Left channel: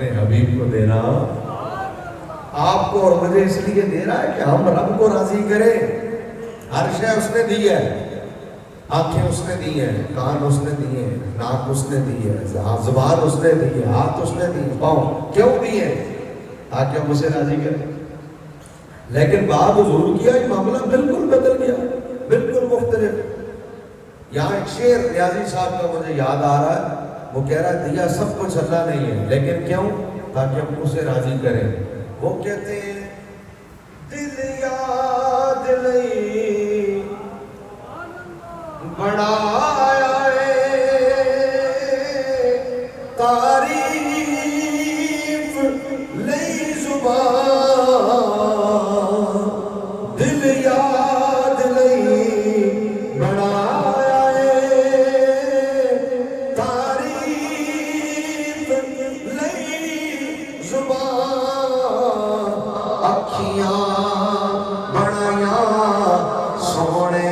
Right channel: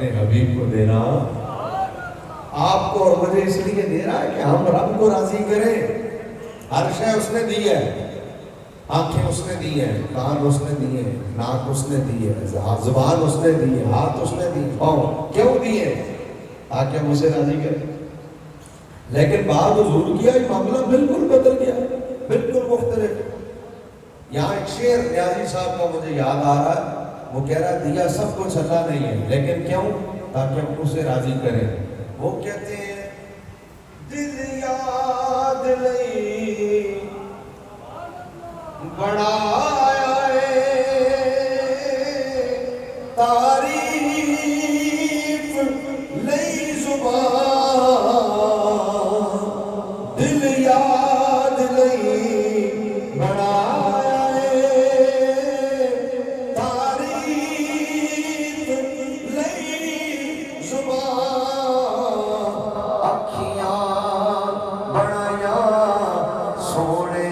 اپنے حبیب کو دینا آپ کو اور مجھے اس لیے دے رہا ہے کہ ہم رب کو راضی کریں. ہر شے اس نے دی ہے. آنکھیں اس نے دی ہیں, کان اس نے دیے ہیں, ناک اس نے دی ہے, زبان اس نے دی ہے, ہاتھ اس نے دی, پاؤں کیوں دیے تاکہ ہم اسے راضی کریں. لیکن بات حضور کیا یہ معاملہ بالکل بدل گیا, بالکل مختلف. یہاں ایک شعر نیازی صاحب کا مجھے یاد آ رہا ہے. وہ کہہ رہا ہے دیا سب کچھ اللہ نہیں ہے لیکن کیوں, تاکہ ہم اسے راضی کریں. وہ کہتے ہیں دل یاد نہیں بڑھایا تعریف لئی زبان, دل یاد نہیں بڑھایا تعریف لئی زبان, اکھیاں بڑھایا سونے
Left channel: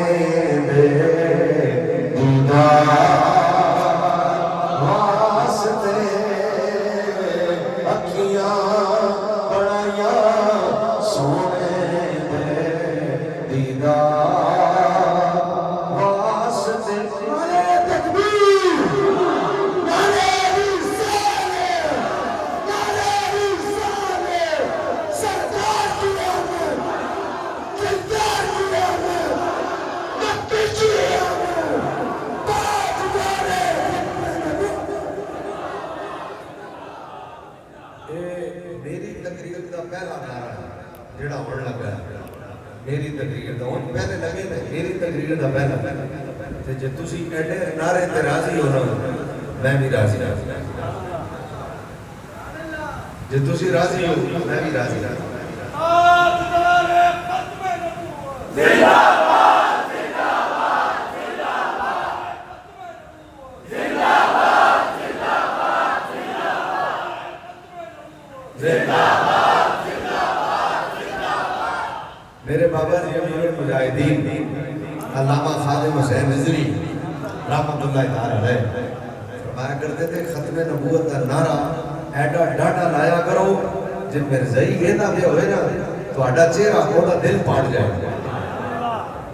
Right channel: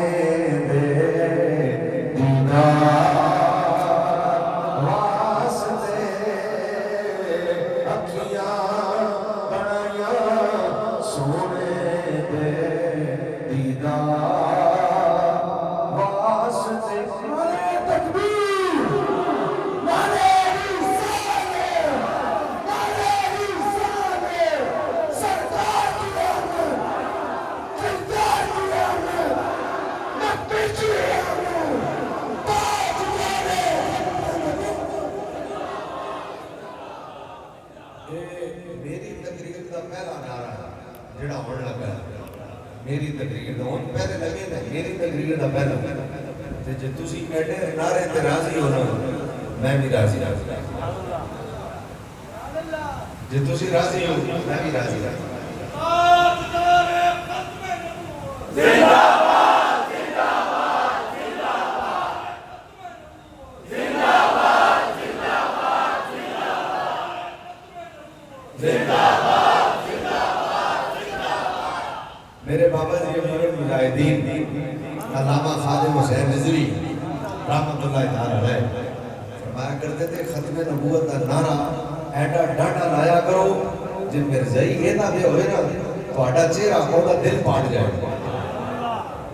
میری تقریر دا ہن پہلے لگے نا میری تقریر دا پہلا تے جے تسی ایڈے نعرے تے راضی ہو نا میں بھی راضی جے تسی راضی ہو میں بھی راضی تاجدار ختم نبوت زندہ باد زندہ باد زندہ باد زندہ باد زندہ باد زندہ باد. میرے بابا جی امیر المجاہدین علامہ خادم حسین نظری رحمۃ اللہ تعالی علیہ فرمایا کرتے تھے ختم نبوت کا نعرہ ایڈا ڈاٹا لایا کرو جن مرزائی یہ نہ بھی ہوئے نا تو آڈا چہرہ ہوگا دل پاٹ جائے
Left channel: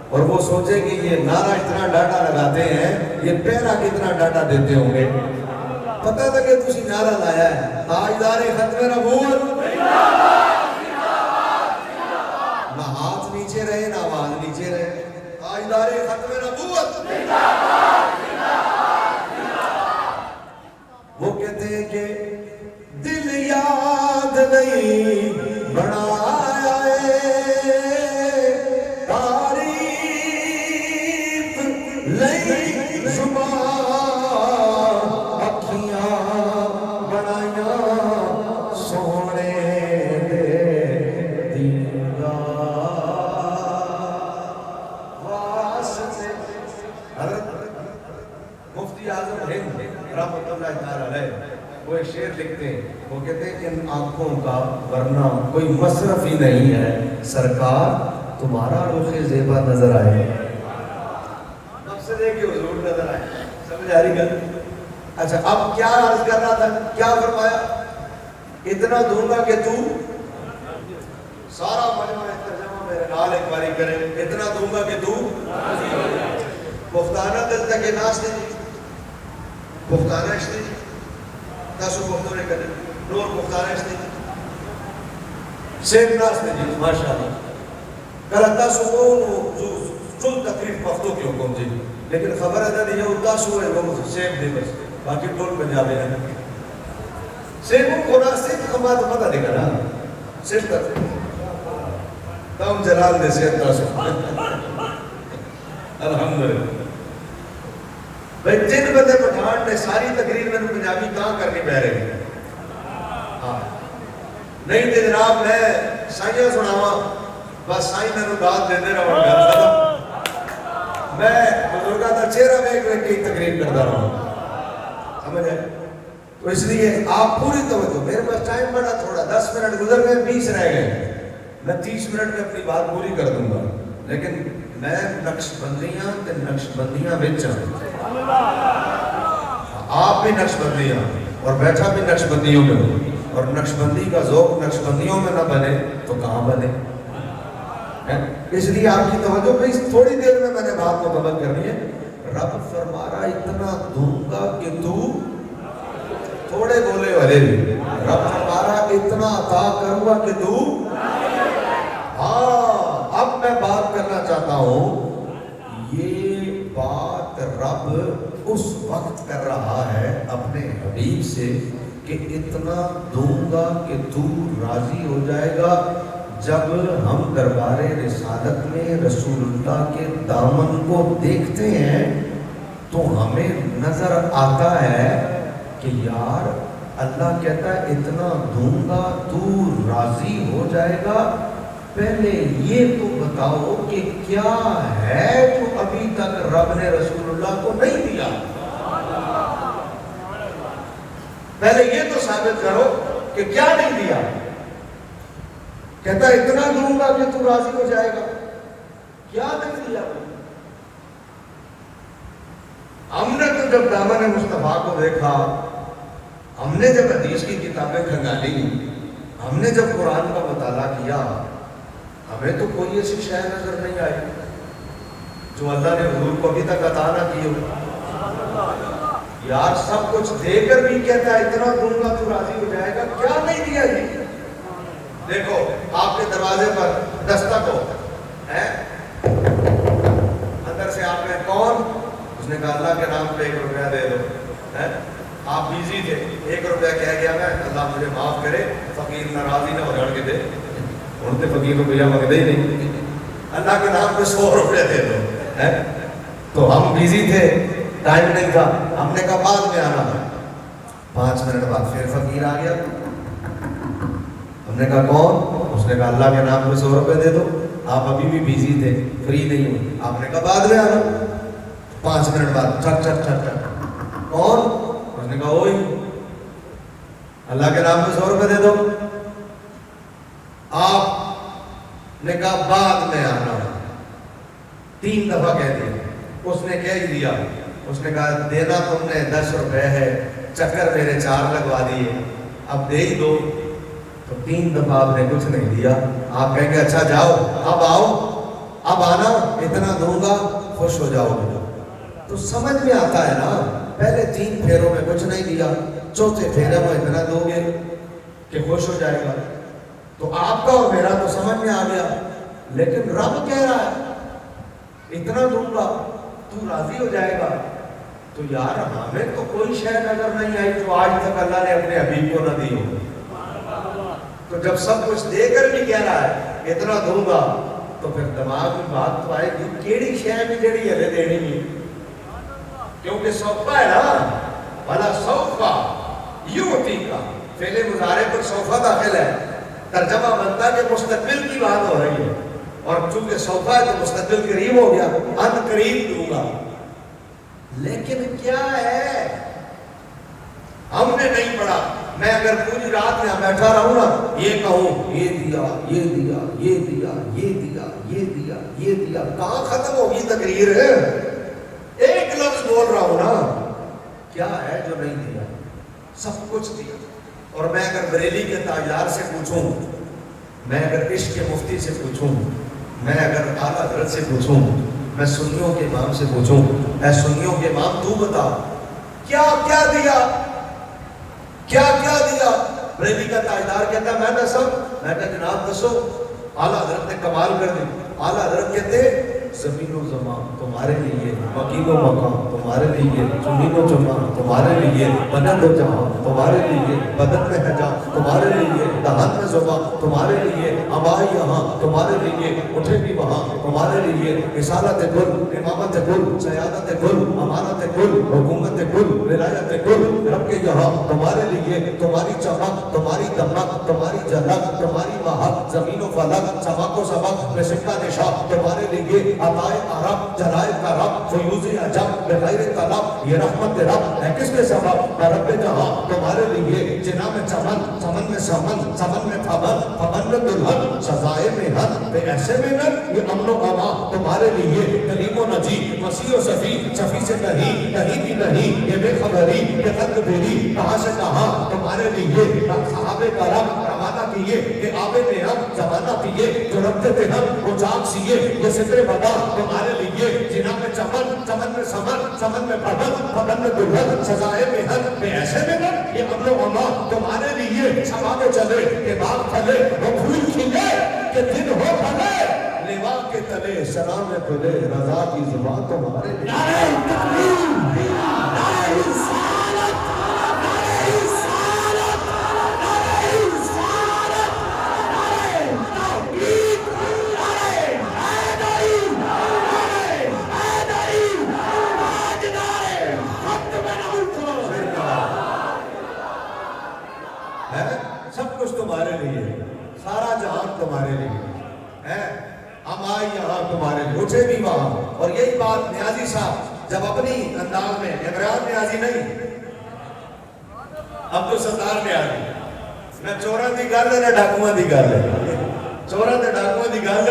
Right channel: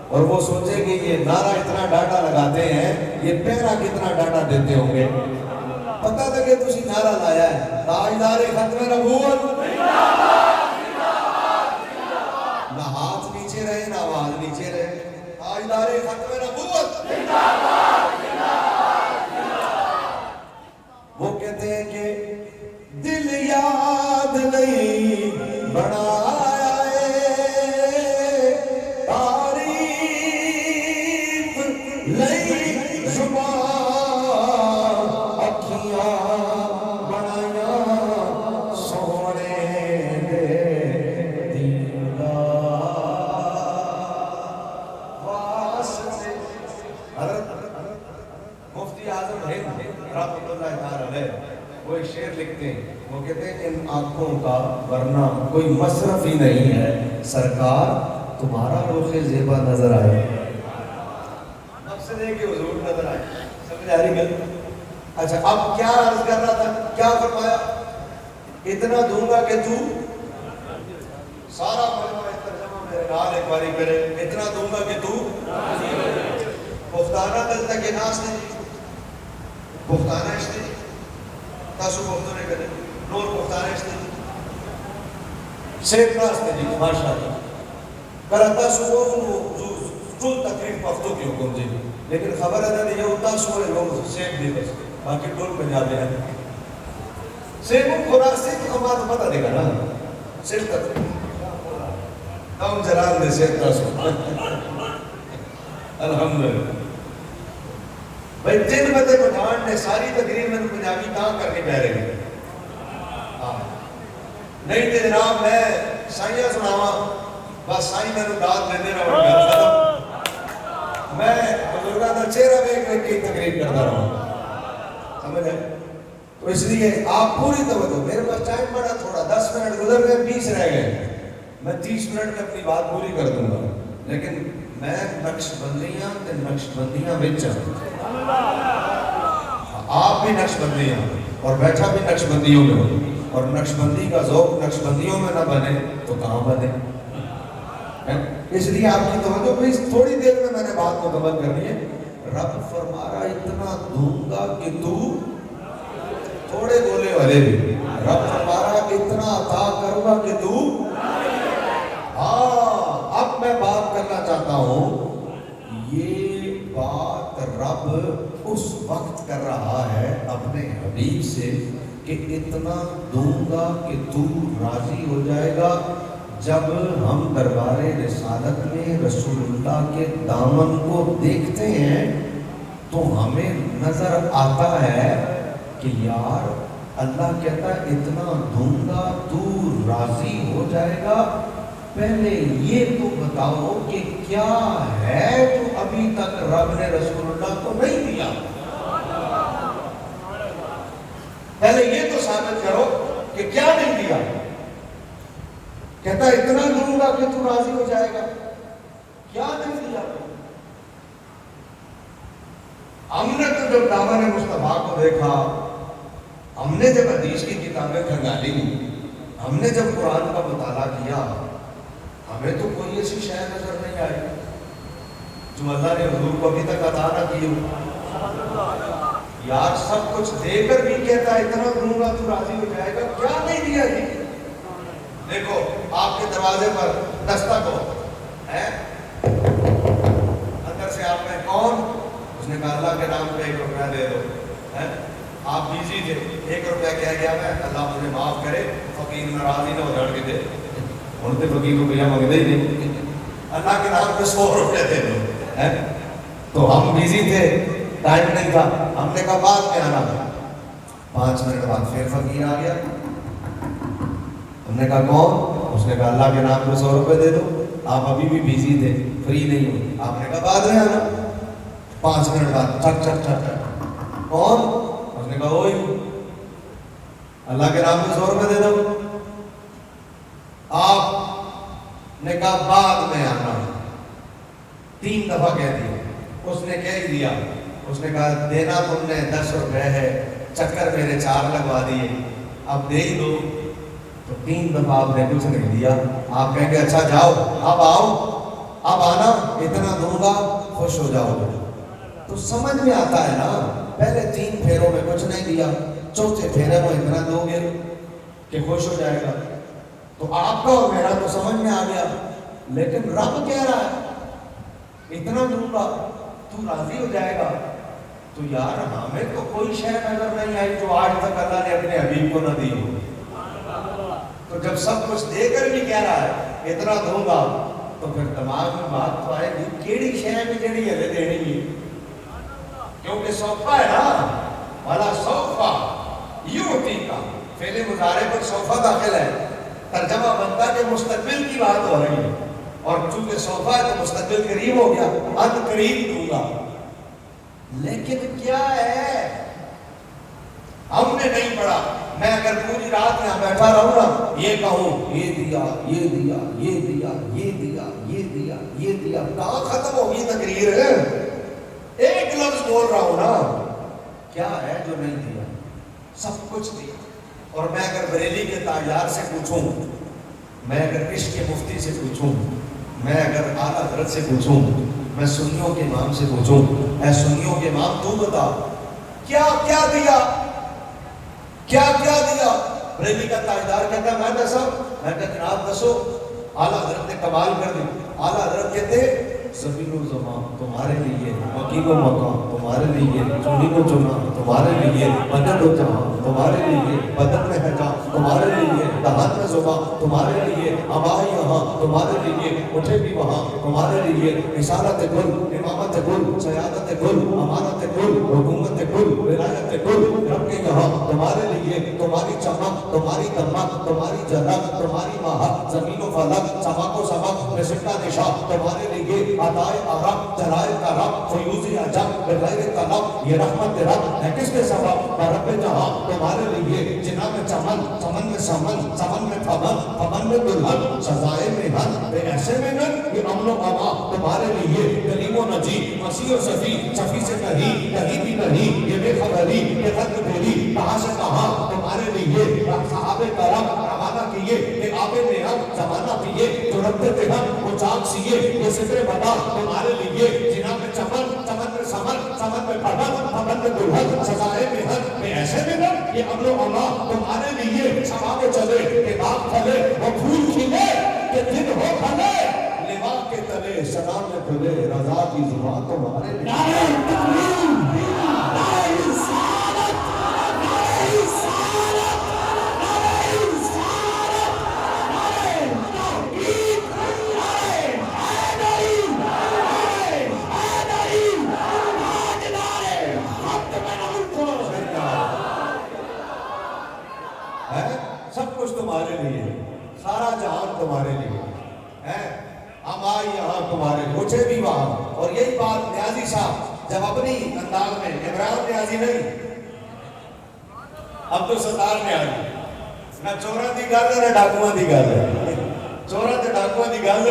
اور وہ سوچے کہ یہ نعرہ اتنا ڈاٹا لگاتے ہیں یہ پیرا کتنا ڈاٹا دیتے ہوں گے. پتہ تھا کہ تسی نعرہ لایا ہے تاجدار ختم نبوت رہے نا آواز نیچے رہے تاجدار ختم نبوت زندہ باد زندہ باد زندہ باد. وہ کہتے ہیں کہ دل یاد نہیں بڑھایا تعریف لئی زبان, اکھیاں بڑھایا سونے رحمۃ اللہ تعالی علیہ وہ ایک شعر لکھتے ہیں. وہ کہتے ہیں ان آنکھوں کا ورنہ کوئی مصرف ہی نہیں ہے سرکار تمہارا رخ زیبا نظر آئے. مقصد ہے کہ حضور نظر آئے. سمجھ آ رہی گل؟ اچھا اب کیا عرض کر رہا تھا, کیا فرمایا اتنا دوں گا کہ تو سارا مجمع ترجمہ میرے نال ایک باری کرے. اتنا دوں گا کہ تو پختانہ دل تک ناس نے پختانہ اشتے تاسو پختو نے کرے نور پختانہ اشتے سید ناس نے جی ماشاءاللہ کرتا سو جو تقریب پختو کی حکم جی لیکن خبر ہے کہ یہ تاسو ہے وہ سید دے بس باقی ٹول پنجابی ہیں. سید کو خدا سید کو بات پتہ دے گا نا سید تک تم جلال دے سید تاسو الحمدللہ. بھئی جن بدے پٹھان نے ساری تقریر میں پنجابی کہاں کرنی پہ رہی نہیں تے جناب میں سائیاں سناواں بس سائی میں نے داد دے دے رہا ہوں میں بزرگاں دا چہرہ میں ایک تقریر کرتا رہا ہوں. سمجھ ہے تو اس لیے آپ پوری توجہ, میرے پاس ٹائم بڑا تھوڑا 10 منٹ گزر گئے 20 رہ گئے, میں 30 منٹ میں اپنی بات پوری کر دوں گا لیکن میں نقش بندیاں تے نقش بندیاں بچ آپ بھی نقش بندیاں اور بیٹھا بھی نقش بندیوں میں ہوں. اور نقشبندی کا ذوق نقشبندیوں میں نہ بنے تو کہاں بنے؟ اس لیے آپ کی توجہ پلیز تھوڑی دیر میں نے بات مکمل کرنی ہے. رب فرما رہا اتنا دوں گا کہ تو تھوڑے گولے والے بھی. رب فرما رہا اتنا عطا کروں گا کہ تو. ہاں اب میں بات کرنا چاہتا ہوں. یہ بات رب اس وقت کر رہا ہے اپنے حبیب سے کہ اتنا دوں گا کہ تو راضی ہو جائے گا. جب ہم دربار رسالت میں رسول اللہ کے دامن کو دیکھتے ہیں تو ہمیں نظر آتا ہے کہ یار اللہ کہتا ہے اتنا دوں گا تو راضی ہو جائے گا. پہلے یہ تو بتاؤ کہ کیا ہے جو ابھی تک رب نے رسول اللہ کو نہیں دیا. پہلے یہ تو ثابت کرو کہ کیا نہیں دیا. کہتا ہے اتنا دوں گا کہ تو راضی ہو جائے گا. کیا نہیں دیا؟ ہم نے تو جب دامن مصطفیٰ کو دیکھا, ہم نے جب حدیث کی کتابیں کھنگالی, ہم نے جب قرآن کا مطالعہ کیا, ہمیں تو کوئی ایسی شے نظر نہیں آئی جو اللہ نے حضور کو ابھی تک عطا نہ کی ہو. یار سب کچھ دے کر بھی کہتا ہے اتنا دوں گا تو راضی ہو جائے گا. کیا نہیں دیا جی؟ دیکھو آپ کے دروازے پر دستک ہو, اندر سے آپ نے کون, اس نے کہا اللہ کے نام پہ 1 روپیہ دے دو. آپ بیزی تھے, 1 روپیہ کہہ گیا میں, اللہ مجھے معاف کرے, فقیر ناراضی نہ ہو جڑ کے دے. انہوں نے فقیر روپیہ مانگتے ہی نہیں, اللہ کے نام پہ 100 روپیہ دے دو. تو ہم بیزی تھے, ٹائم نہیں تھا, ہم نے کہا بعد میں آنا ہے. 5 منٹ بعد پھر فقیر آ گیا. ہم نے کہا کون؟ اس نے کہا اللہ کے نام پہ 100 روپے دے دو. آپ ابھی بھی بیزی تھے, فری نہیں ہو. آپ نے کہا بعد میں آنا. 5 منٹ بعد ٹھک ٹھک ٹھک ٹھک, کون؟ اس نے کہا وہی, اللہ کے نام پہ 100 روپے دے دو. آپ نے کہا بعد میں آنا. 3 دفعہ کہہ دیا. اس نے کہہ ہی دیا. اس نے کہا دینا تم نے 10 روپے ہے, چکر میرے 4 لگوا دیے, اب دے ہی دو. تو 3 دفعہ آپ نے کچھ نہیں دیا. آپ کہیں گے اچھا جاؤ, اب آؤ, اب آنا, اتنا دوں گا, خوش ہو جاؤ گے. تو سمجھ میں آتا ہے نا, پہلے 3 پھیروں میں کچھ نہیں دیا, چوتھے پھیرے میں اتنا دو گے کہ خوش ہو جائے گا. تو آپ کا اور میرا تو سمجھ میں آ گیا. لیکن رب کہہ رہا ہے اتنا دوں گا تو راضی ہو جائے گا. تو یار ہمیں تو کوئی شے نظر نہیں آئی جو آج تک اللہ نے اپنے حبیب کو نہ دی ہو. تو جب سب کچھ دے کر بھی کہہ رہا ہے اتنا دوں گا, تو پھر دماغ میں بات تو آئے گی کیڑی شے میں جڑی ہلے دینی ہے. کیونکہ صوفہ ہے نا, والا صوفہ یوتی کا فعل مضارع پر صوفہ داخل ہے. ترجمہ بنتا کہ مستقبل کی بات ہو رہی ہے, اور چونکہ صوفہ ہے تو مستقبل قریب ہو گیا, ان قریب دوں گا. لیکن کیا ہے ہم نے نہیں پڑھا. میں اگر پوری رات یہاں بیٹھا رہوں نا, یہ کہوں یہ دیا, یہ دیا, یہ دیا, یہ دیا, یہ دیا, یہ دیا, کہاں ختم ہوگی تقریر؟ ایک لفظ بول رہا ہوں نا, کیا ہے جو نہیں دیا؟ سب کچھ دیا. اور میں اگر بریلی کے تاجدار سے پوچھوں, میں اگر عشق کے مفتی سے پوچھوں, میں اگر اعلیٰ حضرت سے پوچھوں, میں سنیوں کے امام سے پوچھوں, اے سنیوں کے امام تو بتا کیا کیا دیا, کیا کیا دیا؟ بریلی کا تاجدار کہتا ہے میں دسو. میں کہا جناب دسو. اعلیٰ حضرت نے کمال کر دی. اعلیٰ حضرت کہتے زمین و زمان تمہارے لیے, مکین و مکان تمہارے لیے, چنین و چنان تمہارے لیے, بدن و جہاں تمہارے لیے, بدن میں ہے جان تمہارے لیے, دہن میں زبان تمہارے لیے, ابائی یہاں تمہارے لیے, اٹھے بھی وہاں تمہارے لیے, رسالت کل, امامت کل, سیادت کل, امانت کل, حکومت کل, ولایت کل رب کے یہاں تمہارے لیے. تمہاری چمک, تمہاری دمک, تمہاری جھلک, تمہاری مہک, زمین و فلک, چمک و سبق, نشستہ نشا تمہارے لیے. عطائے عرب, جلائے کرم, فیوز عجب, بغیر طلب, یہ رحمت رب ہے کس کے سبب؟ رب جہاں تمہارے لیے. جنا میں چمن, چمن میں سمن, سمن میں پھمن, پھمن میں دلہن, سزائے میں ہن, بے ایسے میں نن, یہ امن و اما تمہارے لیے. کلیم و نجی, مسیح و شفیع, شفیع سے کہیں, کہیں بھی نہیں, یہ بے خبری, یہ خط بیری, کہاں سے کہا تمہارے لیے صحابہ کرام روانہ کیے کہ آب نیام زمانہ پیے جو رکھتے تھے ہم وہ چاک سیے یہ ستر بتا تمہارے لیے جنا میں چمن چمن میں سمن سمن میں پڑھن پڑھن میں دلہن سزائے محن میں ایسے میں نہ یہ امر و اما تمہارے لیے سما کے چلے کہ باغ پھلے وہ پھول کھلے کہ دن ہو پھلے لوا کے تلے سلام میں کھلے رضا کی زبان تمہارے لیے نعرہ تکبیر نعرہ رسالت نعرہ رسالت نعرہ رسالت نعرہ توحید نعرہ حیدری نعرہ حیدری آج نعرہ حق میں نہ اٹھو سب کچھ تمہارے لیے سارا جہان تمہارے لیے ہم آئے یہاں تمہارے مجھے بھی وہاں اور یہی بات نیازی صاحب جب اپنی انداز میں عمران نیازی نہیں عبدالستار نیازی نہ چوراں دی گل ہے نہ ڈاکواں دی گل ہے چوراں تے ڈاکواں دی گل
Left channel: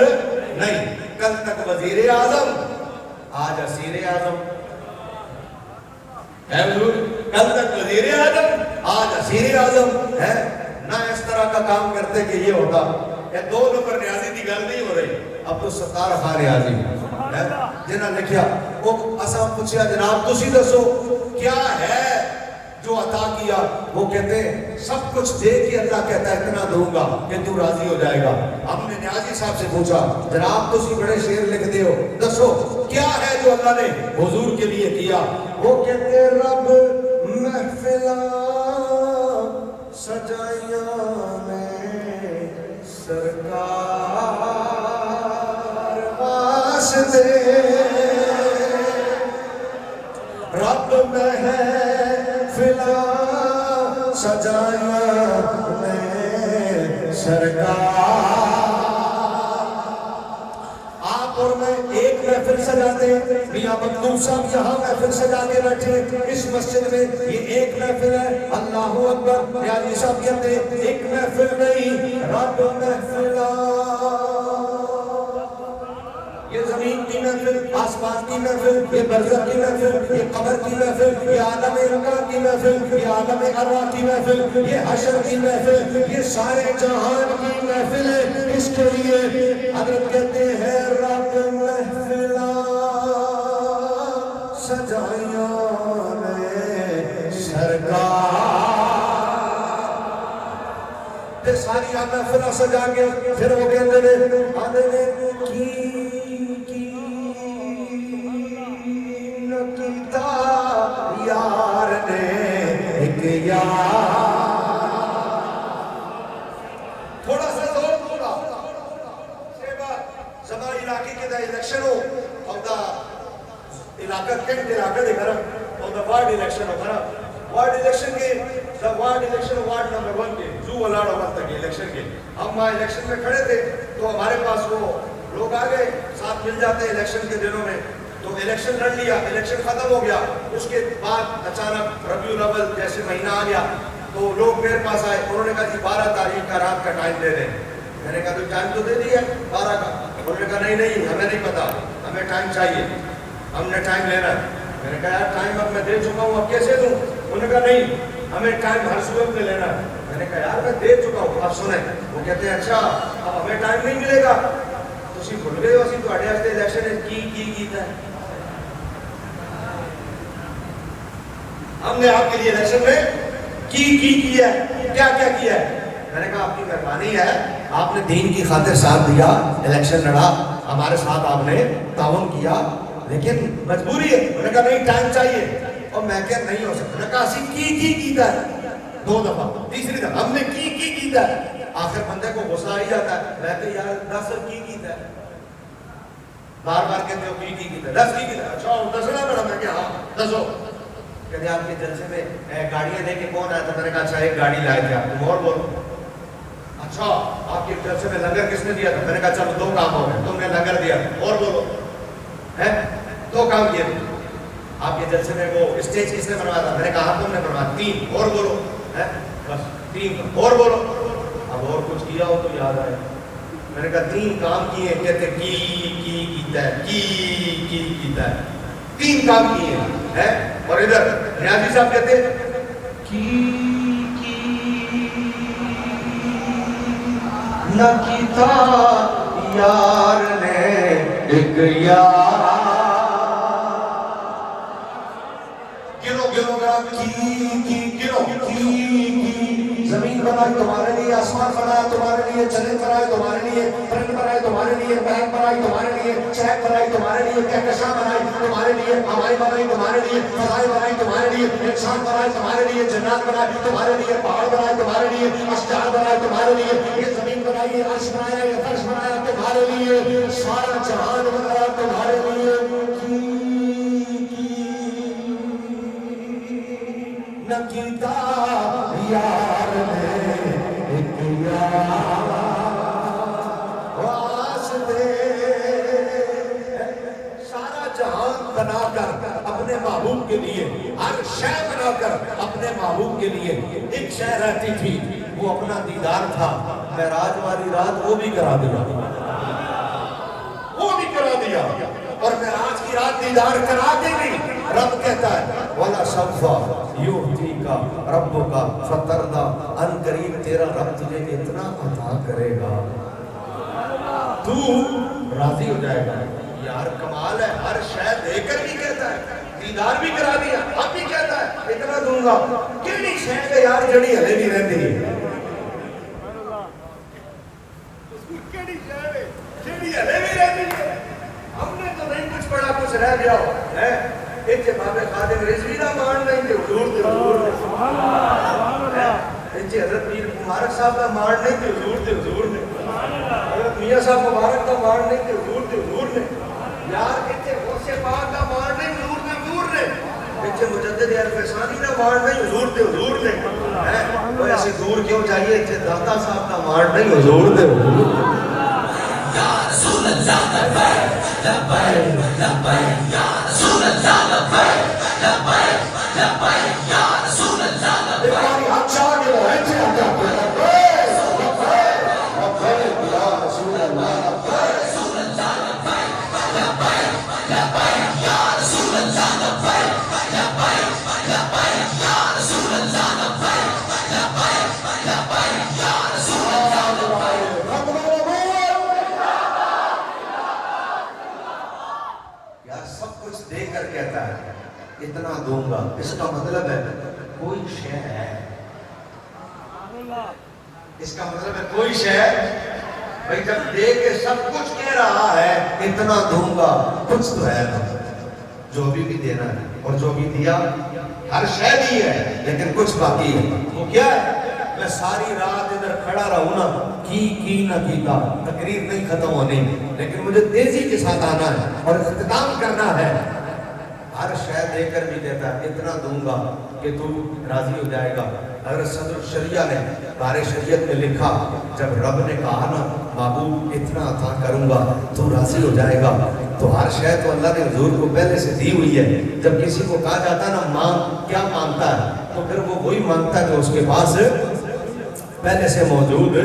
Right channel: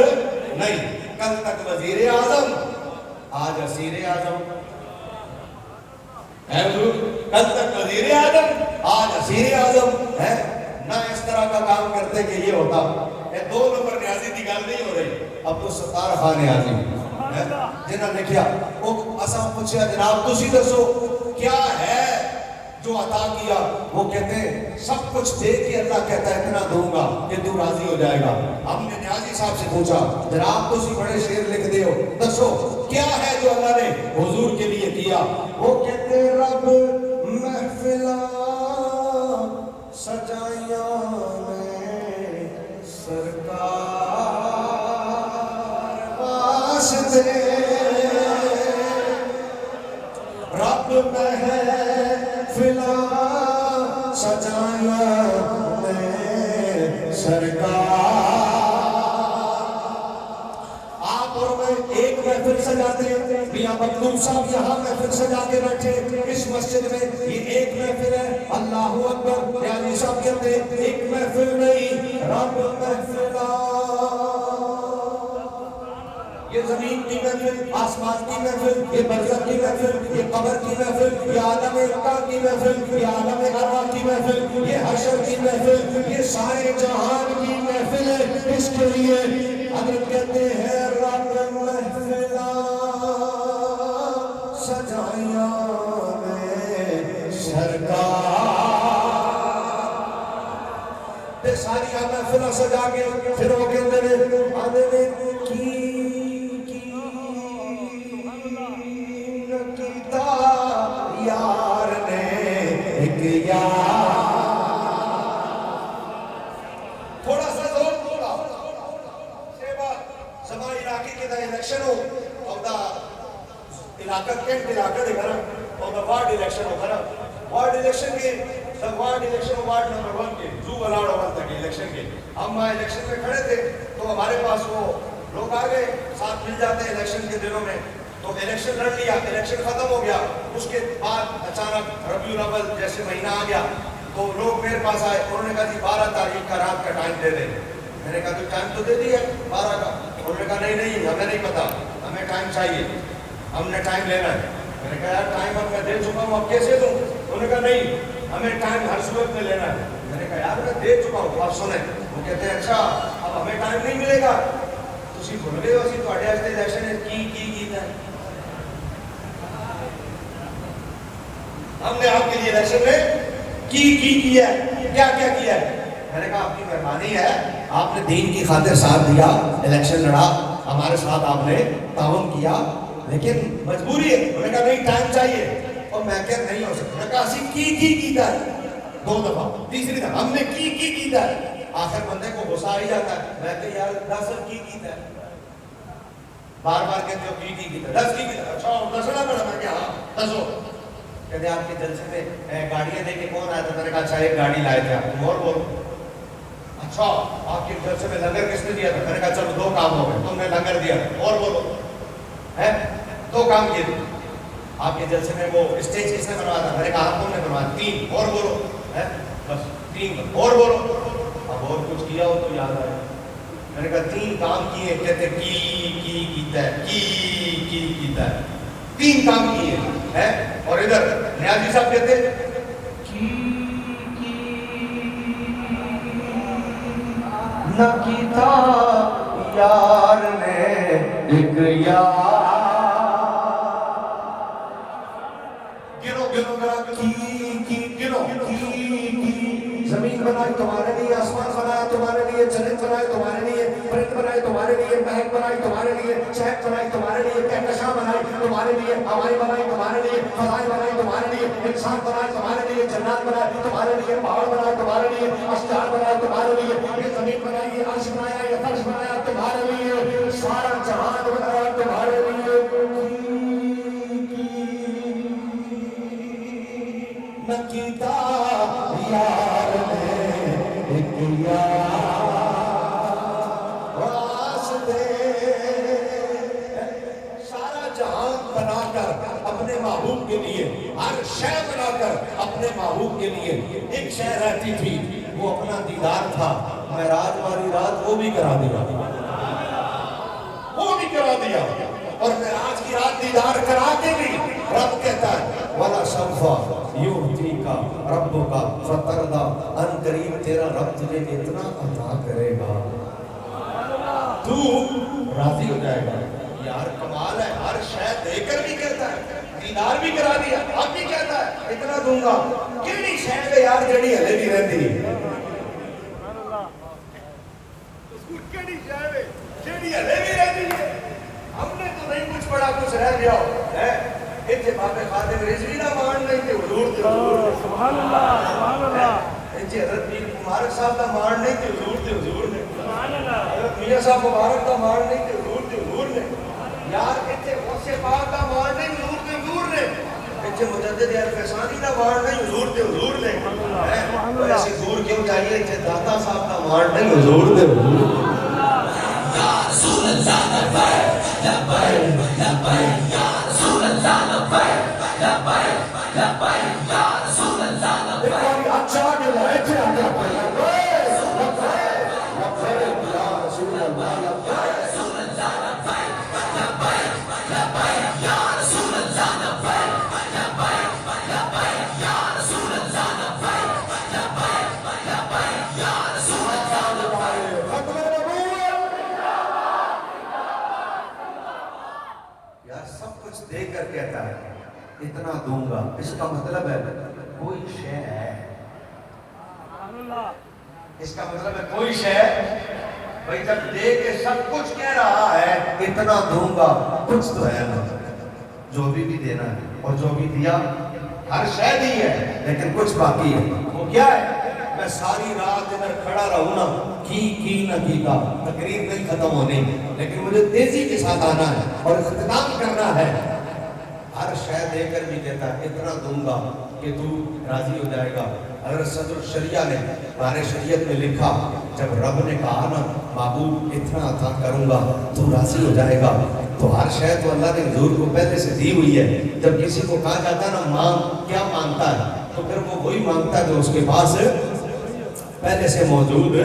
نہیں کل تک وزیر اعظم آج اسیر اعظم ہے حضور کل تک وزیر اعظم آج اسیر اعظم ہے نہ اس طرح کا کام کرتے کہ یہ ہوتا یہ دو نمبر نیازی دی گل نہیں ہو رہی عبدالستار خان نیازی جنہاں لکھیا وہ اساں پوچھیا جناب تسی دسو کیا ہے جو عطا کیا وہ کہتے ہیں سب کچھ دے کے اللہ کہتا ہے اتنا دوں گا کہ تو راضی ہو جائے گا ہم نے نیازی صاحب سے پوچھا جناب تسی بڑے شعر لکھ دے ہو دسو کیا ہے جو اللہ نے حضور کے لیے کیا وہ کہتے ہیں رب محفلہ سجائیاں میں سرکار واسطے رب محفلہ سجائیاں میں سرکار آپ اور میں ایک محفل سجاتے ہیں میاں مخدوم صاحب یہاں محفل سجا کے بیٹھے اس مسجد میں یہ ایک محفل ہے اللہ اکبر نیازی صاحب کہتے ہیں ایک محفل نہیں رب محفلہ یہ زمین کی محفل آسمان کی محفل یہ برزخ کی محفل یہ قبر کی محفل یہ عالم ارواح کی محفل یہ عالم ارواح کی محفل یہ حشر کی محفل یہ سارے جہان کی محفل ہے اس کے لیے حضرت کہتے ہیں رب محفلہ سجائیاں میں سرکار تے ساری محفلہ سجا کے پھر وہ کہتے ہیں کی یار نے ایک یار تھوڑا سا زور تھوڑا سے بات سما علاقے کے دا الیکشن ہو اور دا علاقہ کینٹ علاقہ دے گھر اور دا وارڈ الیکشن ہو گھر وارڈ الیکشن کے دا وارڈ الیکشن وارڈ نمبر 1 کے جو الاڑ ہو تک الیکشن کے ہم الیکشن میں کھڑے تھے تو ہمارے پاس وہ لوگ آ گئے ساتھ مل جاتے ہیں الیکشن کے دنوں میں تو الیکشن لڑ لیا الیکشن ختم ہو گیا اس کے بعد اچانک ربیع الاول جیسے مہینہ آ گیا تو لوگ میرے پاس آئے انہوں نے کہا جی 12 تاریخ کا رات کا ٹائم دے دیں میں نے کہا تو ٹائم تو دے دیا 12 کا انہوں نے کہا نہیں ہمیں نہیں پتا ہمیں ٹائم چاہیے ہم نے ٹائم لینا ہے میں نے کہا یار ٹائم اب میں دے چکا ہوں اب کیسے دوں انہوں نے کہا نہیں ہمیں ٹائم ہر صورت میں لینا ہے میں نے کہا یار میں دے چکا ہوں آپ سنیں وہ کہتے ہیں اچھا اب ہمیں ٹائم نہیں ملے گا تسی بھول گئے ہو اسی تواڈے واسطے الیکشن کی کیتا ہے ہم نے آپ کے لیے الیکشن میں کیا ہے کیا کیا ہے میں نے کہا آپ کی مہربانی ہے آپ نے دین کی خاطر ساتھ دیا الیکشن لڑا ہمارے ساتھ آپ نے تعاون کیا لیکن مجبوری ہے میں نے کہا نہیں ٹائم چاہیے اور میں کہا نہیں ہو سکتا میں کہا اسی کیتا ہے 2 دفعہ تیسری دفعہ ہم نے کیتا ہے آخر بندے کو غصہ آ ہی جاتا ہے میں کہ یار 10 کیتا ہے بار بار کہتے ہو کیتا ہے 10 کیتا ہے اچھا دسنا پڑا میں کہ ہاں دسو کہتے آپ کے جلسے میں گاڑیاں دے کے کون آیا تو میں نے کہا اچھا ایک گاڑی لائے تھے آپ تم اور بولو اچھا آپ کے جلسے میں لنگر کس نے دیا تھا میں نے کہا چلو 2 کام ہو گئے تم نے لنگر دیا اور بولو ہے 2 کام کیے تھے آپ کے جلسے میں وہ اسٹیج کس نے بنوایا تھا میں نے کہا تم نے بنوایا 3 اور بولو ہے بس 3 اور بولو اب اور کچھ کیا ہو تو یاد آئے میں نے کہا 3 کام کیے کہتے کیتا ہے 3 کام کیے ہیں اور ادھر نیازی صاحب کہتے نہ کیتا یار نے ایک یار گنو گنو گا زمین بنائی تمہارے لیے، آسمان بنایا تمہارے لیے، جنت بنائی تمہارے لیے، پرند بنائی تمہارے لیے، مہک بنائی تمہارے لیے، چہک بنائی تمہارے لیے، کہکشاں بنائی تمہارے لیے، ہوائیں بنائی تمہارے لیے، فضائیں بنائی تمہارے لیے، انسان بنائے تمہارے لیے، جنات بنائے تمہارے لیے، پہاڑ بنائے تمہارے لیے، اشجار بنائے تمہارے لیے، یہ زمین بنائی، یہ عرش بنایا، یہ فرش بنایا تمہارے لیے، سارا جہان بنایا تمہارے لیے، نہ کیتا یار نے ایک یار واسطے، سارا جہان بنا کر اپنے محبوب کے لیے، ہر شے بنا کر اپنے محبوب کے لیے ایک شے رہتی تھی، وہ اپنا دیدار تھا۔ معراج والی رات وہ بھی کرا دیا، وہ بھی کرا دیا، اور معراج کی رات دیدار کرا کے بھی رب کہتا ہے وَلَا سَوْفَ يُعْطِيكَ رَبُّكَ فَتَرْضَىٰ، ان قریب تیرا رب تجھے اتنا عطا کرے گا تو راضی ہو جائے گا۔ یار کمال ہے، ہر شے دے کر بھی کہتا ہے، دیدار بھی کرا دیا، اب بھی کہتا ہے اتنا دوں گا۔ کیڑی شے پہ یار جڑی ہلے بھی رہتی ہے، کیڑی شے پہ جڑی ہلے بھی رہتی ہے، ہم نے تو نہیں کچھ پڑھا کچھ رہ گیا ہے، ایتھے بابے خادم رضوی نہ مان نہیں تے حضور تے حضور، سبحان اللہ سبحان اللہ، ایتھے حضرت پیر مبارک صاحب کا مان نہیں تے حضور تے حضور نے، سبحان اللہ، حضرت میاں صاحب مبارک کا مان نہیں تے حضور تے حضور نے، یار ایتھے غوث پاک کا مان نہیں حضور تے حضور نے، ایتھے مجدد الفسانی کا مان نہیں حضور تے حضور نے، ایسے دور کیوں چاہیے، ایتھے داتا صاحب کا مان نہیں حضور تے حضور نے۔ یا رسول اللہ لبیک لبیک لبیک یا رسول اللہ لبیک لبیک لبیک یا رسول اللہ لبیک، ایک باری ہاتھ چاہ کے لائے تھے اللہ کے لبیک لبیک لبیک یا رسول اللہ لبیک رسول اللہ لبیک لبیک لبیک یا رسول اللہ لبیک لبیک لبیک یا رسول اللہ لبیک لبیک لبیک یا رسول اللہ لبیک۔ یار سب کچھ دے کر کہتا ہے اتنا دوں گا، اس کا مطلب ہے کوئی شے ہے، اس کا مطلب ہے کوئی شے، بھائی جب دے کے سب کچھ کہہ رہا ہے اتنا دوں گا، کچھ تو ہے جو بھی دینا ہے، اور جو بھی دیا ہر شے دی ہے، لیکن کچھ باقی ہے، وہ کیا ہے؟ میں ساری رات ادھر کھڑا رہوں نا، کی نہ کیتا، تقریر نہیں ختم ہونی، لیکن مجھے تیزی کے ساتھ آنا ہے اور اختتام کرنا ہے، ہر شے دے کر بھی کہتا ہے اتنا دوں گا کہ تو راضی ہو جائے گا۔ حضرت صدر الشریعہ نے بارِ شریعت میں لکھا، جب رب نے کہا نا محبوب اتنا عطا کروں گا تو راضی ہو جائے گا، تو ہر شے تو اللہ نے حضور کو پہلے سے دی ہوئی ہے۔ جب کسی کو کہا جاتا ہے نا مانگ، کیا مانگتا ہے، تو پھر وہ وہی مانگتا ہے جو اس کے پاس پہلے سے موجود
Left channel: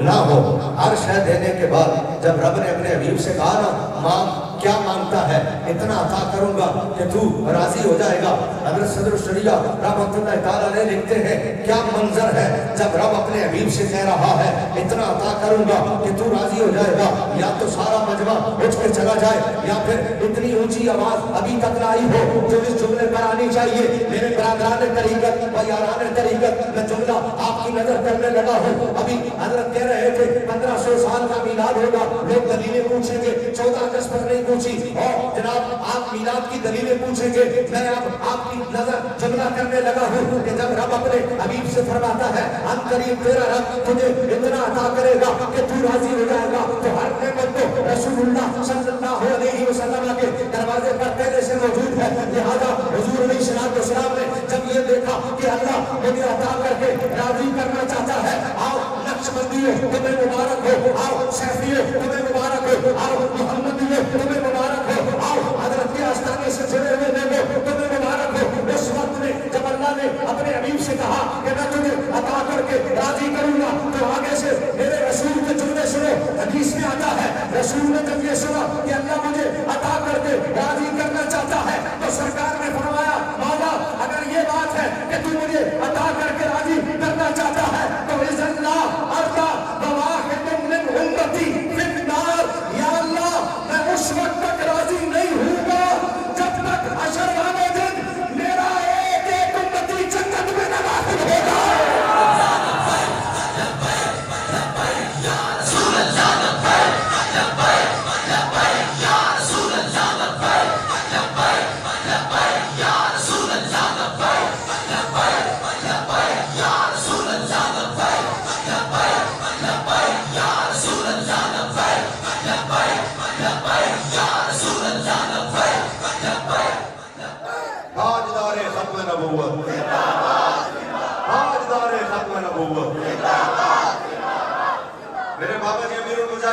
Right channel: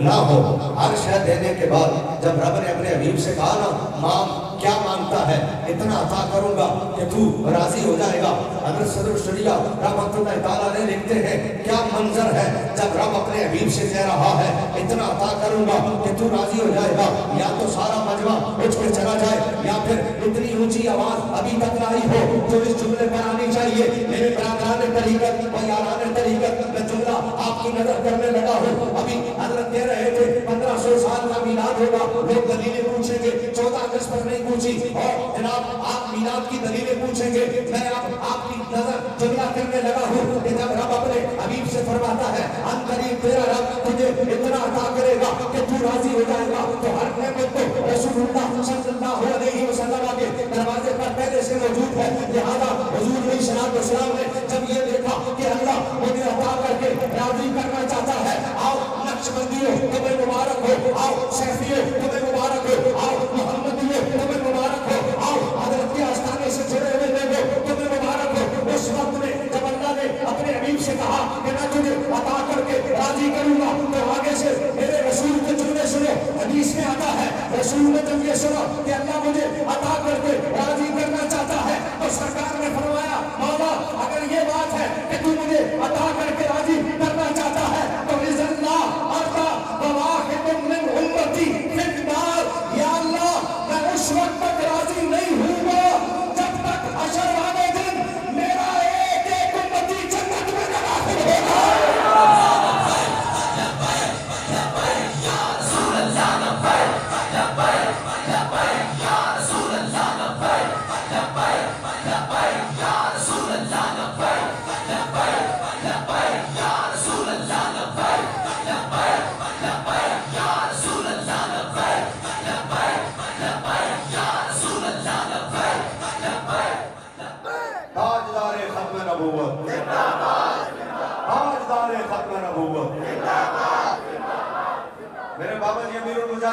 نہ ہو۔ ہر شے دینے کے بعد جب رب نے اپنے حبیب سے کہا نا مانگ، کیا مانگتا ہے، اتنا عطا کروں گا کہ تو راضی ہو جائے گا۔ حضرت صدر الشریعہ رحمۃ اللہ تعالیٰ علیہ لکھتے ہیں کیا منظر ہے جب رب اپنے حبیب سے کہہ رہا ہے اتنا عطا کروں گا کہ تو راضی ہو جائے گا، یا تو سارا مجمع اٹھ کے چلا جائے، یا پھر اتنی اونچی آواز ابھی تک نہ آئی ہو جو اس جملے پر آنی چاہیے۔ میرے برادران طریقت و یاران طریقت میں جملہ آپ کی نظر کرنے لگا ہوں، ابھی حضرت کہہ رہے تھے 1500 سال کا میلاد ہوگا، لوگ دلیلیں پوچھیں گے، 14 اگست پر نہیں پوچھی، اور جناب آپ میلاد کی دلیلیں پوچھیں گے، میں آپ کی نظر جملہ کرنے لگا ہوں کہ جب رب اپنے حبیب سے فرماتا ہے ان قریب تیرا رب تجھے اتنا عطا کرے گا کہ تو راضی ہو جائے گا، تو ہر نعمت کو رسول اللہ صلی اللہ علیہ وسلم کے دروازے پر پہلے سے موجود ہے، لہذا حضور علیہ السلام نے جب یہ دیکھا کہ اللہ مجھے عطا کر کے راضی کرنا چاہتا ہے، آؤ نقشبندیوں تمہیں مبارک ہو، آؤ سیفیوں تمہیں مبارک ہو، آؤ محمدیوں تمہیں مبارک ہو، آؤ حضرت کے آستانے سے جڑے ہوئے لوگوں تمہیں مبارک ہو۔ اس وقت میں جب اللہ نے اپنے حبیب سے کہا کہ میں تجھے عطا کر کے راضی کروں گا، تو آگے سے میرے رسول کے جملے سنو، حدیث میں آتا ہے رسول نے جب یہ سنا کہ اللہ مجھے عطا کر کے راضی کرنا چاہتا ہے، تو سرکار نے فرمایا مولا اگر یہ بات ہے کہ تو مجھے عطا کر کے راضی کرنا چاہتا ہے تو اذن لا ارضى بواحد من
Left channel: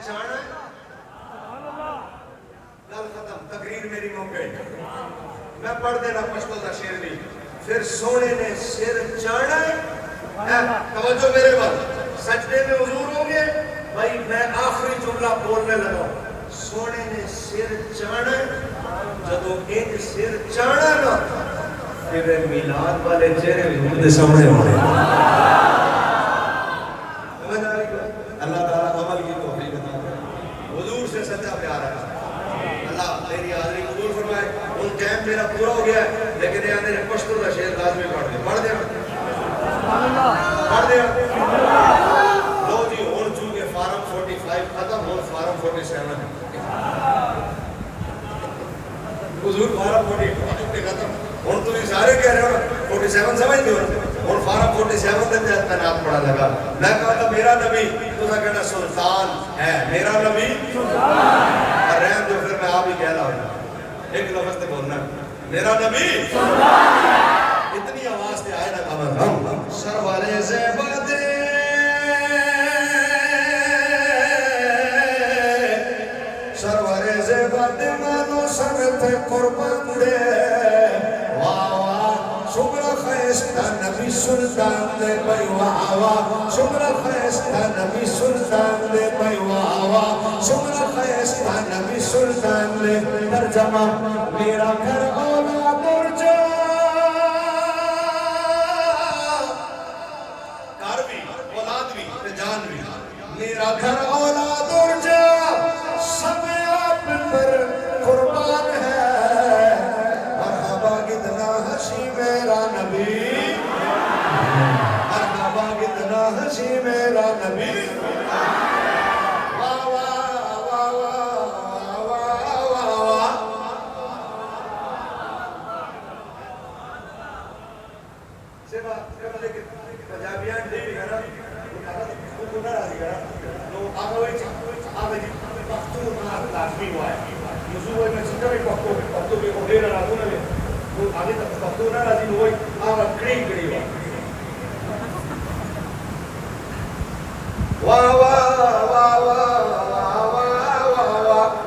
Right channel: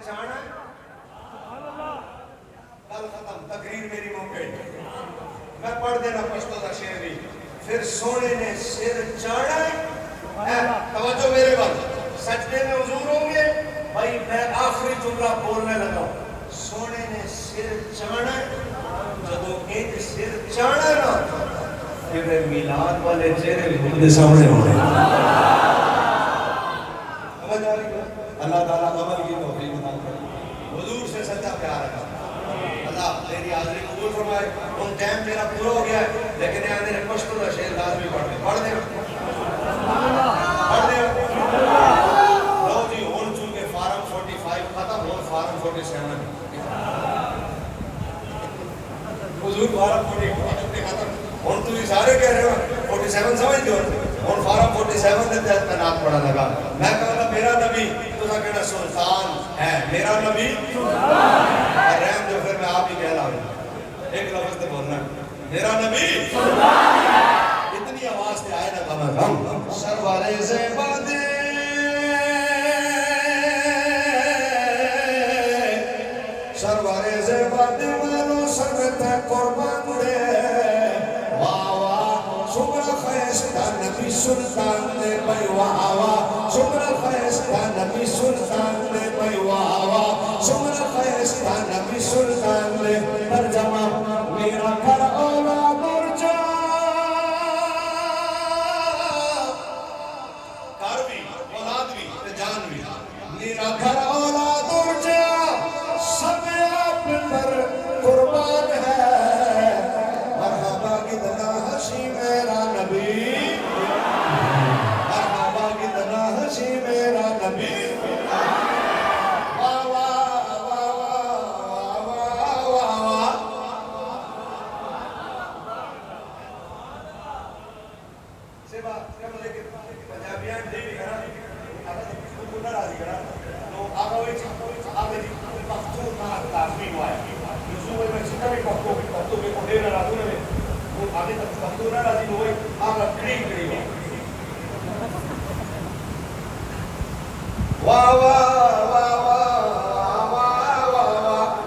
چانا ہے گل ختم تقریر میری موقع میں پڑھ دینا پشتو دا شعر بھی پھر سونے نے سر چانا ہے توجہ میرے بات سجدے میں حضور ہوں گے بھائی میں آخری جملہ بولنے لگا سونے نے سر چانا ہے جدو ایک سر چانا نا پھر میلاد والے چہرے حضور دے سامنے ہونے اللہ تعالیٰ عمل کی توفیق عطا کرے حضور سے سچا پیار ہے اللہ تیری حاضری قبول فرمائے ان ٹائم میرا پورا ہو گیا ہے لیکن یہاں میرے پشتو کا شعر لازمی پڑھ دے لو جی ہون چونکہ فارم 45 ختم ہون فارم 47 حضور فارم 45 ختم ہون تو یہ سارے کہہ رہے ہو 47 سمجھتے ہو ہون فارم 47 دن تحت تنات پڑھا لگا میں کہا تھا میرا نبی تو نہ کہنا سلطان ہے میرا نبی اور رحم جو پھر میں آپ ہی کہہ رہا ہوں ایک لفظ تے بولنا میرا نبی اتنی آواز تے آئے نا کم سرور زیباد سرور زیباد مانو سمت قربان دے واہ واہ شمرا خیستہ نبی سلطان دے بھائی واہ واہ شمرا خیستہ نبی سلطان دے بھائی واہ واہ شمرا خیستہ نبی سلطان دے ترجمہ میرا گھر اولاد ارجا میرا گھر اولاد ارجا سب آپ پر قربان ہے مرحبا کتنا حسی میرا نبی مرحبا کتنا حسی میرا نبی واہ واہ واہ واہ واہ واہ سیبا مجھے پنجابیان دے بھی کرا وہ ناراضی کرا تو آگا ہوئی جی پختو نار لازمی ہوا ہے یوزو ہوئی میں چھتا بھی پختو کے کو دیر راتوں نے وہ آگے تک پختو ناراضی ہوئی آگا کڑی ہوا واہ واہ واہ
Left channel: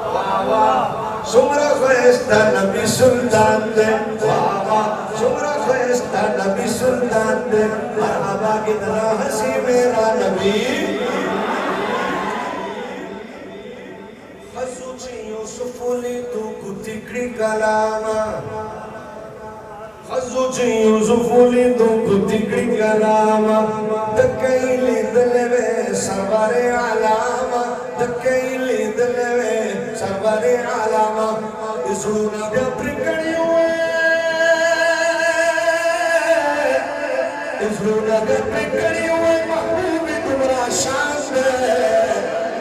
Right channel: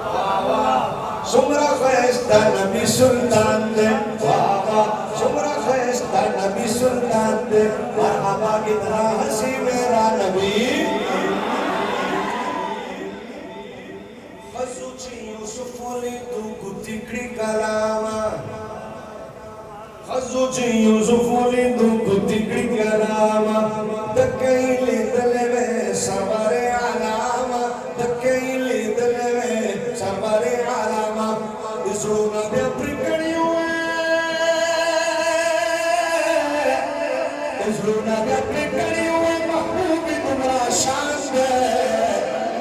واہ واہ سمرا خیستہ نبی سلطان دے واہ واہ سمرا خیستہ نبی سلطان دے مرحبا کتنا حسی میرا نبی خزوچی یوسف لی تو کتکڑی کلاما خزوچی یوسف لی تو کتکڑی کلاما دکئی لی دلوے سرور علاما دکئی لی دلوے سرور علاما اسرونا بیا پرکڑی ہوئے اسرونا بیا پرکڑی ہوئے محبوب تمرا شان دے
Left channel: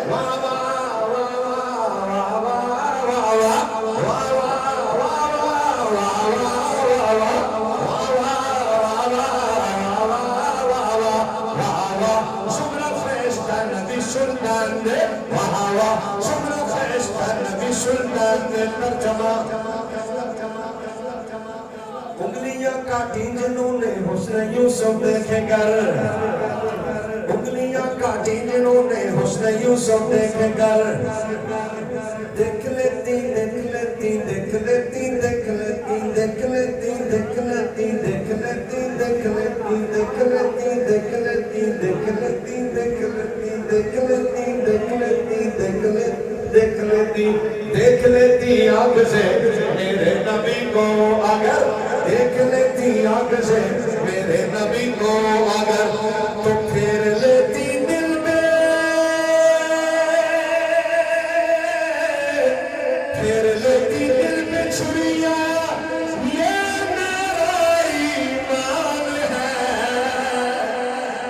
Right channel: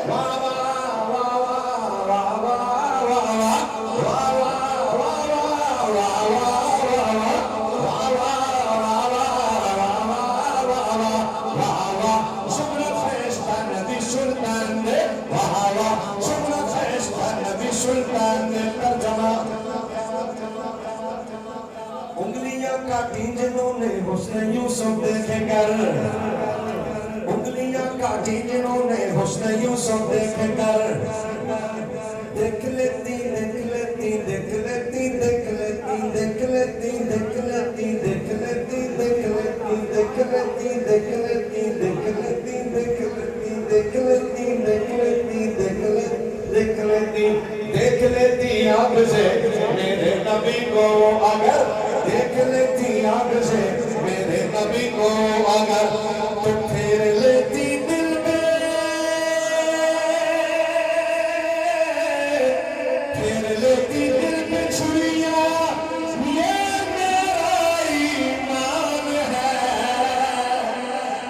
واہ واہ واہ واہ واہ واہ شمرا خیستہ نبی سلطان دے واہ واہ شمرا خیستہ نبی سلطان دے ترجمہ انگلیاں کاٹی جنہوں نے حسن یوسف دیکھے گر انگلیاں کاٹی جنہوں نے حسن یوسف دیکھے گر دیکھ لیتی دیکھ لیتی دیکھ لیتی دیکھ لیتی دیکھ لیتی دیکھ لیتی دیکھ لیتی دیکھ لیتی دیکھ لیتی دیکھ لیتی دیکھ لیتی دیکھ لیتی دیکھ لیتی دیکھ لیتی دیکھ لیتی دیکھ لیتی دیکھ لیتی آنکھ سے میرے نبی کو اگر دیکھ لیتی آنکھ سے میرے نبی کو اگر تو پھر لیتی دل میں پھر لیتی دل میں چھڑیاں یہ میرا ایمان ہے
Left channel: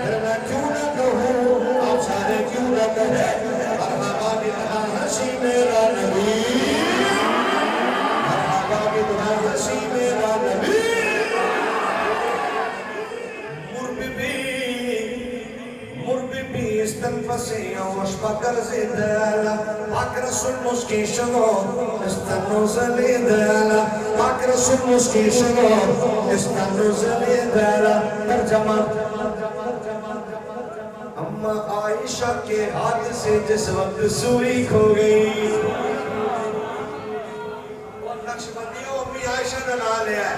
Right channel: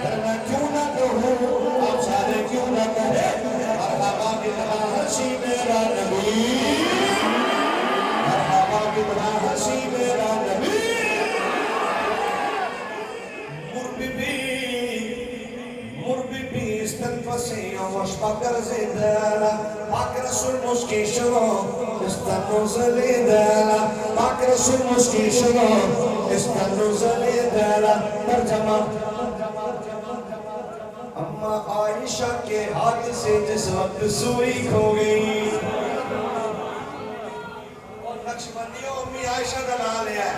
پھر میں کیوں نہ کہوں آپ سارے کیوں نہ کہے مرحبا کتنا حسی میرا نبی مرحبا کتنا حسی میرا نبی مرببی استنفسی واشبکر زیدالا پاک رسول مسکی شما استنو زلیدالا پاک رسول مسکی شما استنو زلیدالا ترجمہ اما عائشہ عائشہ کے ہاتھ سے جس وقت سوئی کھو گئی. اور نقش بندیوں امی عائشہ کا نام لیا ہے.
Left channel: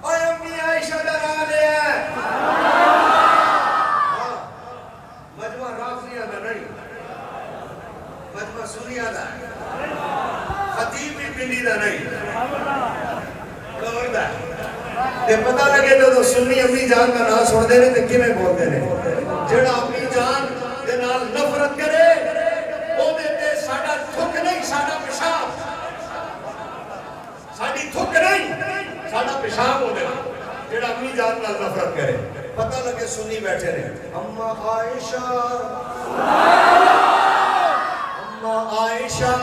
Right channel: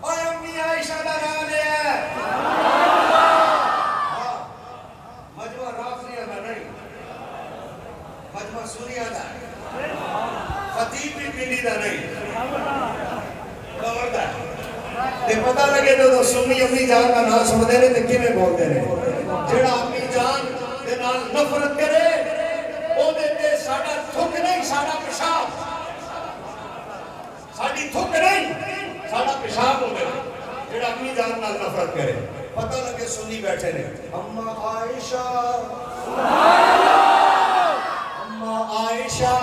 اور امی عائشہ کا نام لیا ہے. ہاں مجمع رافضیہ کا نہیں، مجمع سنیہ کا ہے. خطیب بھی پنڈی کا نہیں، کور دا ہے. تے پتہ لگے تو سنی امی جان کا نام سن دے رہے تے کیویں بول دے رہے. جڑا امی جان دے نال نفرت کرے او دے تے ساڈا تھک نہیں، ساڈا پیشاب، ساڈی تھک نہیں، ساڈا پیشاب ہو دے. جڑا امی جان نال نفرت کرے پتہ لگے سنی بیٹھے نے. اما عائشہ، اما عائشہ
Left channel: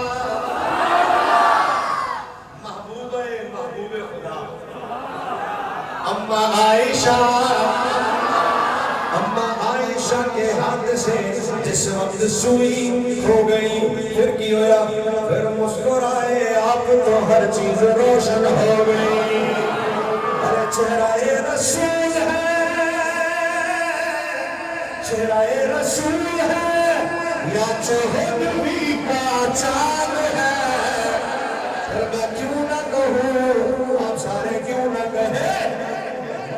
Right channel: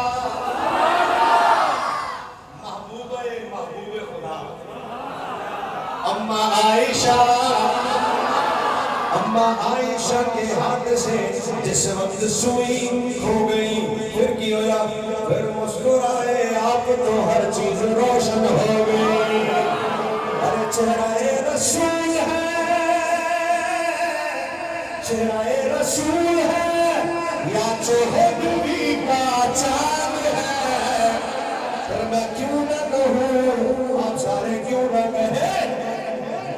اما عائشہ، اما عائشہ کے ہاتھ سے جس وقت سوئی ہو گئی پھر کی ہوا، پھر مسکرائے آپ تو ہر چیز روشن ہو گئی. ارے چہرہ رسول ہے، چہرہ رسول ہے یا چہر نبی کا چاند ہے. پھر میں کیوں نہ کہوں، آپ سارے کیوں نہ کہیں،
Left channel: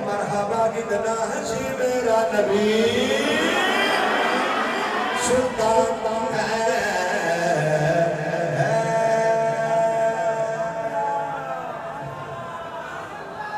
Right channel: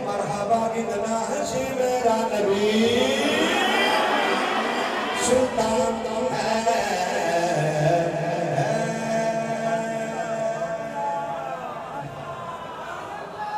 مرحبا کتنا ہے جی میرا نبی. سلطان